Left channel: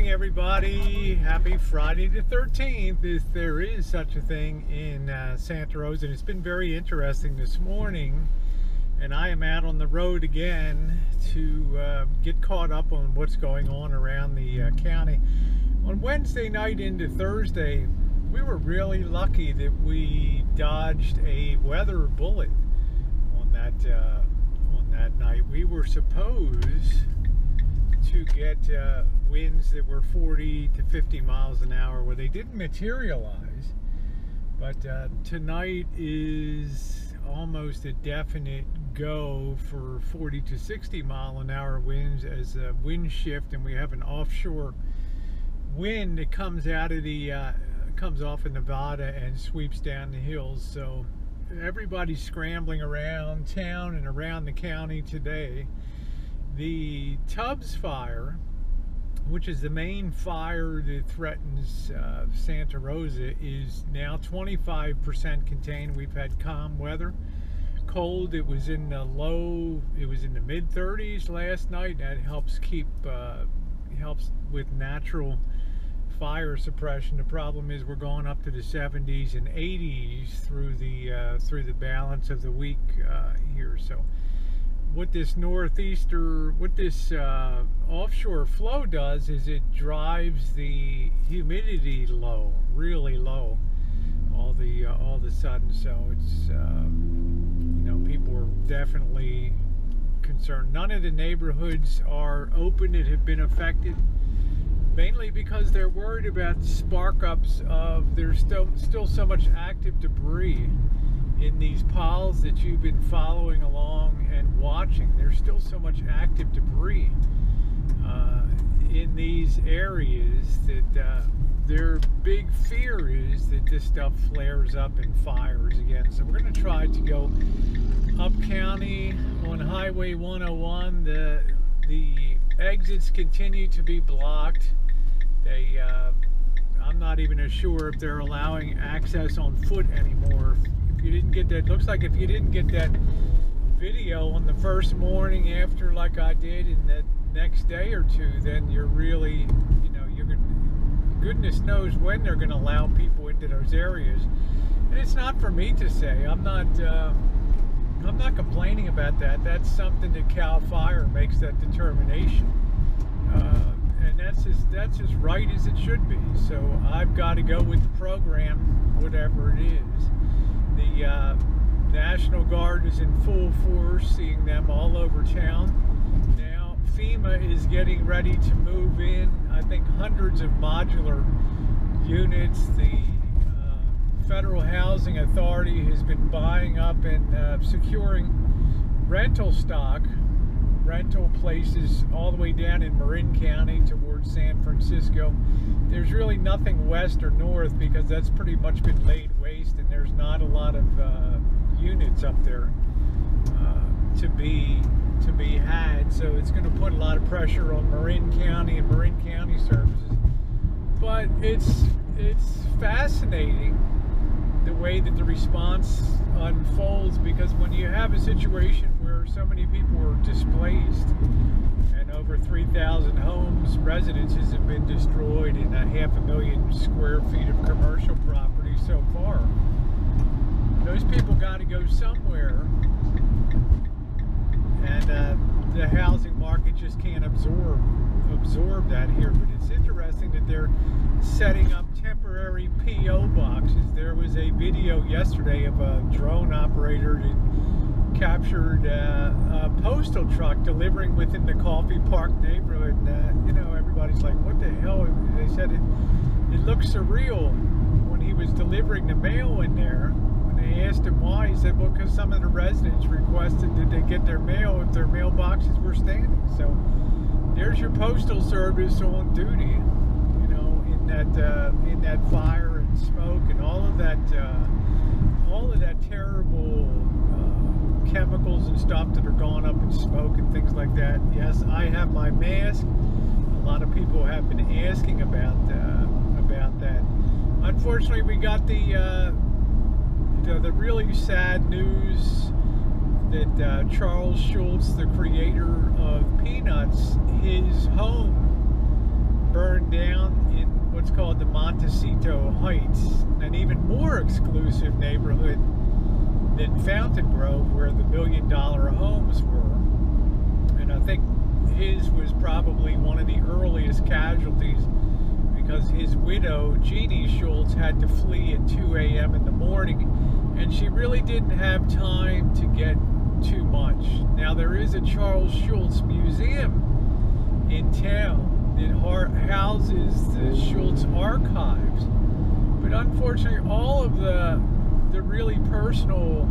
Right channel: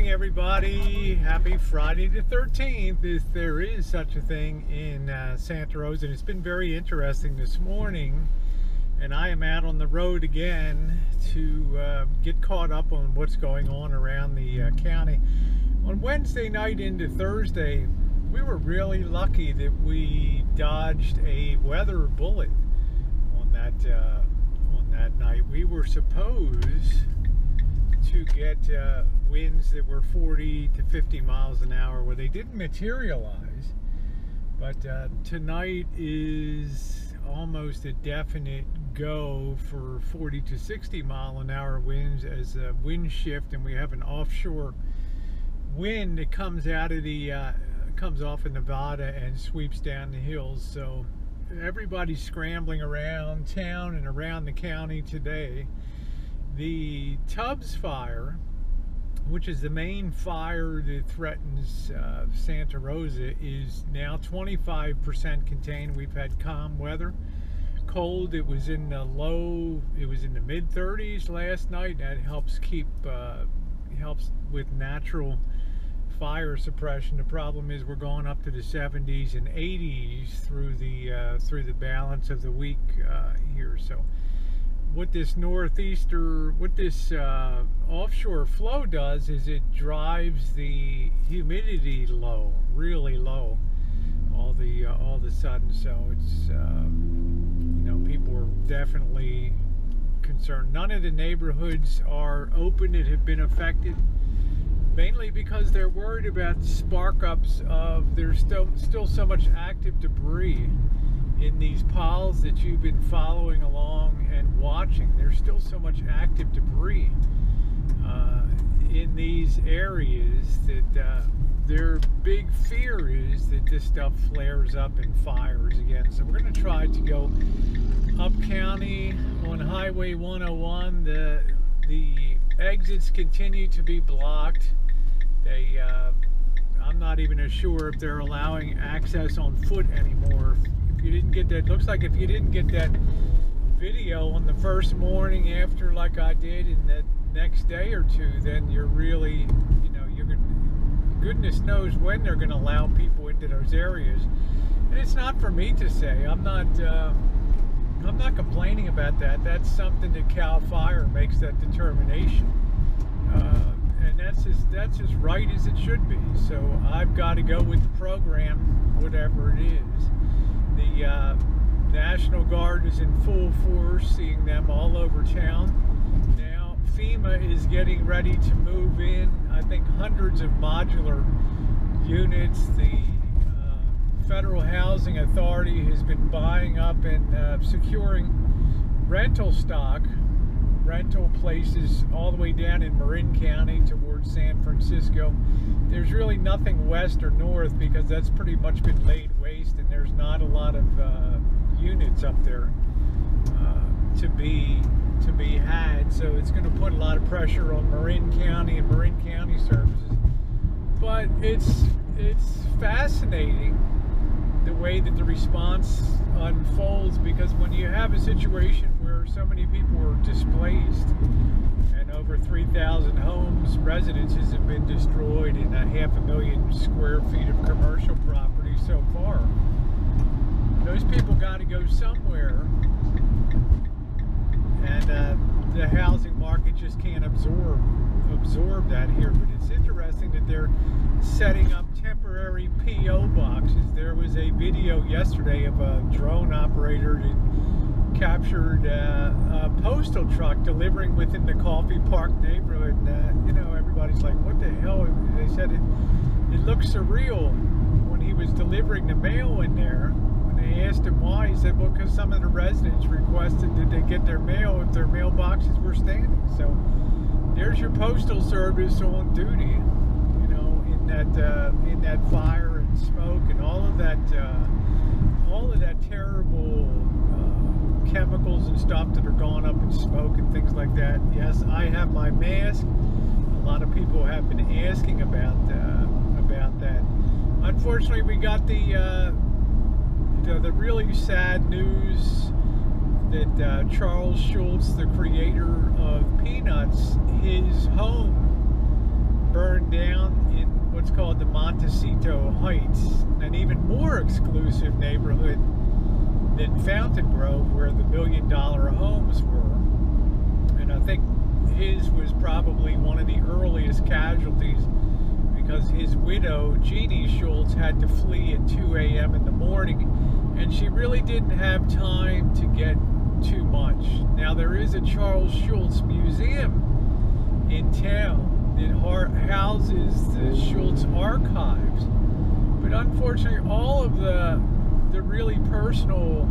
morning, everybody. Happy Friday the 13th, if there is such a thing in Santa Rosa. And it's been very interesting this morning, and I am out on the road again to get caught up on what's going on around the county. On Wednesday night into Thursday, we were really lucky that we dodged a weather bullet on that night. We were supposed to get winds that were 40 to 50 miles an hour, where they didn't materialize. But tonight is almost a definite go for 40 to 60 mile an hour winds as a wind shift, and we have an offshore wind that comes out of the comes off of Nevada and sweeps down the hills. So everybody's scrambling around town and around the county today. The Tubbs fire, which is the main fire that threatens Santa Rosa, is now 25% contained. We've had calm weather. Cold, it was in the mid 30s last night. That helps keep helps with natural fire suppression. The problem is we're going up to the 70s and 80s through the balance of the week here. So what this offshore flow does is it drives the humidity low, really low, all of a sudden. So it's people are definitely concerned. None of the neighborhoods are open that have been affected, mainly because they're worried about spark-ups of there's still so much active debris in these piles that you've been following along and watching. There's still so much active debris in these areas that their big fear is that this stuff flares up and fires again. So we're going to try to go up county on Highway 101. The exits continue to be blocked. I'm not even sure if they're allowing access on foot anymore. If you didn't get that, looks like if you didn't get that video on the first morning after, like I did, in the next day or two, then you're really, goodness knows when they're going to allow people into those areas. And it's not for me to say. I'm not complaining about that. That's something that CAL FIRE makes that determination. And that's as right as it should be. So I've got to go with the program, whatever it is. The National Guard is in full force, seeing them all over town. Now FEMA is getting ready to move in, I think, hundreds of modular units. The Federal Housing Authority has been buying up and securing rental stock, rental places all the way down in Marin County towards San Francisco. There's really nothing west or north because that's pretty much been laid waste, and there's not a lot of units up there to be had. So it's going to put a lot of pressure on Marin County and Marin County services. But it's fascinating the way that the response unfolds, because when you have a situation where so many people are displaced and over 3,000 homes, residences have been destroyed, and 500,000 square feet of commercial property so far, those people got to go somewhere, and the housing market just can't absorb that here. But it's interesting that they're setting up temporary P.O. boxes. There was a video yesterday of a drone operator that captured a postal truck delivering within the Coffee Park neighborhood. Everybody's like, what the hell? They said it looked surreal when he was delivering the mail in there. When they asked him why, he said, well, because some of the residents requested that they get their mail if their mailboxes were standing. So there's your postal service on duty, in that fire and smoke and all of that terrible chemicals and stuff that are going up in smoke and things like that. Yes, I have my mask. A lot of people have been asking about that. Unfortunately, we got the really sad news that Charles Schulz, the creator of Peanuts, his home burned down in what's called the Montecito Heights, an even more exclusive neighborhood than Fountain Grove, where the million-dollar homes were. And I think his was probably one of the earliest casualties, because his widow, Jeannie Schultz, had to flee at 2 a.m. in the morning, and she really didn't have time to get too much. Now, there is a Charles Schultz Museum in town that houses the Schultz archives, but unfortunately all of the really personal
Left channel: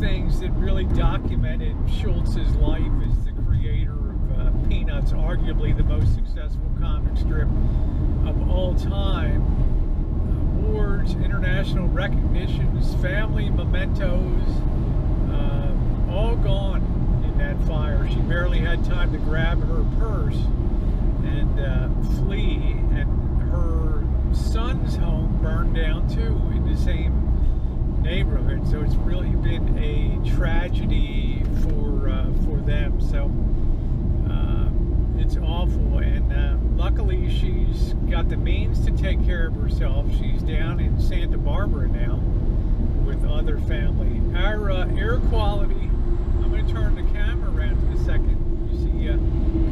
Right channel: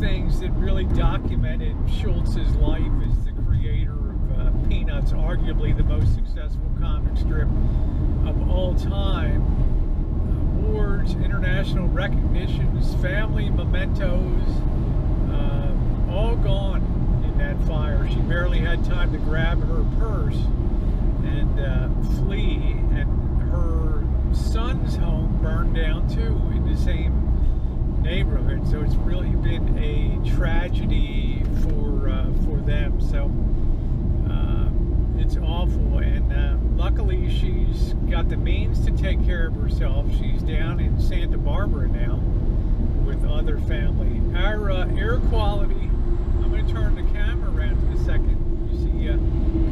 things that really documented Schultz's life as the creator of Peanuts, arguably the most successful comic strip of all time, awards, international recognitions, family mementos, all gone in that fire. She barely had time to grab her purse and flee, and her son's home burned down too in the same neighborhood. So it's really been a tragedy for them. So it's awful, and luckily she's got the means to take care of herself. She's down in Santa Barbara now with other family. Our air quality, I'm going to turn the camera around in a second. You see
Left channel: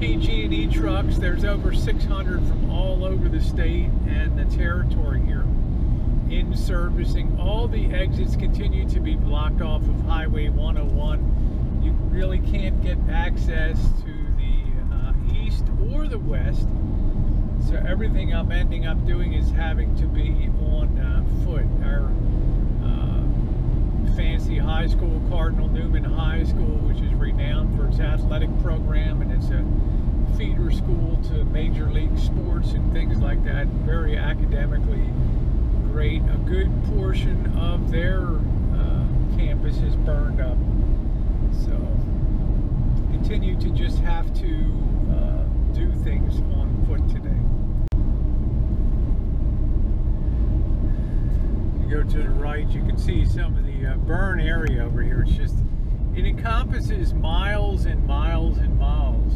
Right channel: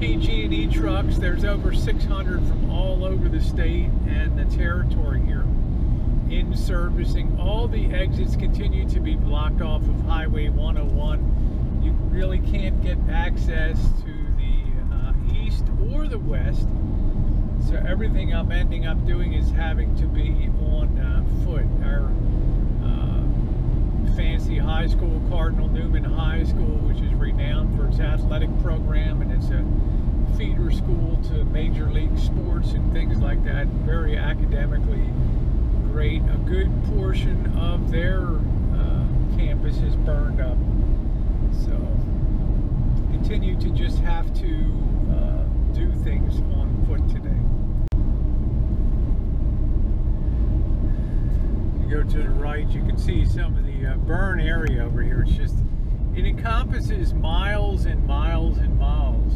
PG&E trucks. There's over 600 from all over the state and the territory here in servicing. All the exits continue to be blocked off of Highway 101. You really can't get access to the east or the west. So everything I'm ending up doing is having to be on foot. Our fancy high school, Cardinal Newman High School, which is renowned for its athletic program, and it's a feeder school to major league sports and things like that. Very academically great. A good portion of their campus is burned up. So continue to just have to do things on foot today. Go to the right, you can see some of the burn area over here. It's just, it encompasses miles and miles and miles.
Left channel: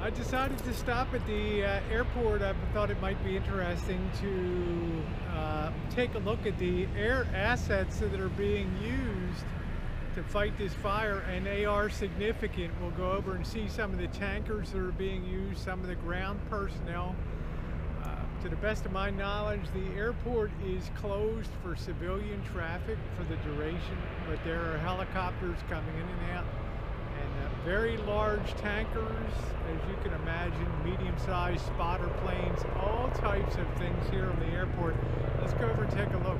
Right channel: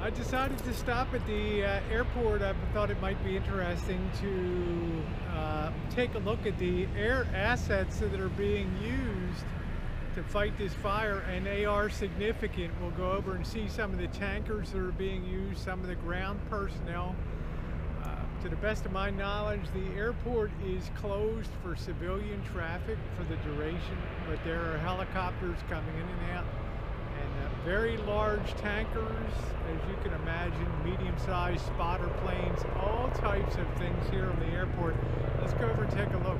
I decided to stop at the airport. I thought it might be interesting to take a look at the air assets that are being used to fight this fire, and they are significant. We'll go over and see some of the tankers that are being used, some of the ground personnel. To the best of my knowledge, the airport is closed for civilian traffic for the duration, but there are helicopters coming in and out, and very large tankers, as you can imagine, medium-sized spotter planes, all types of things here on the airport. Let's go over and take a look.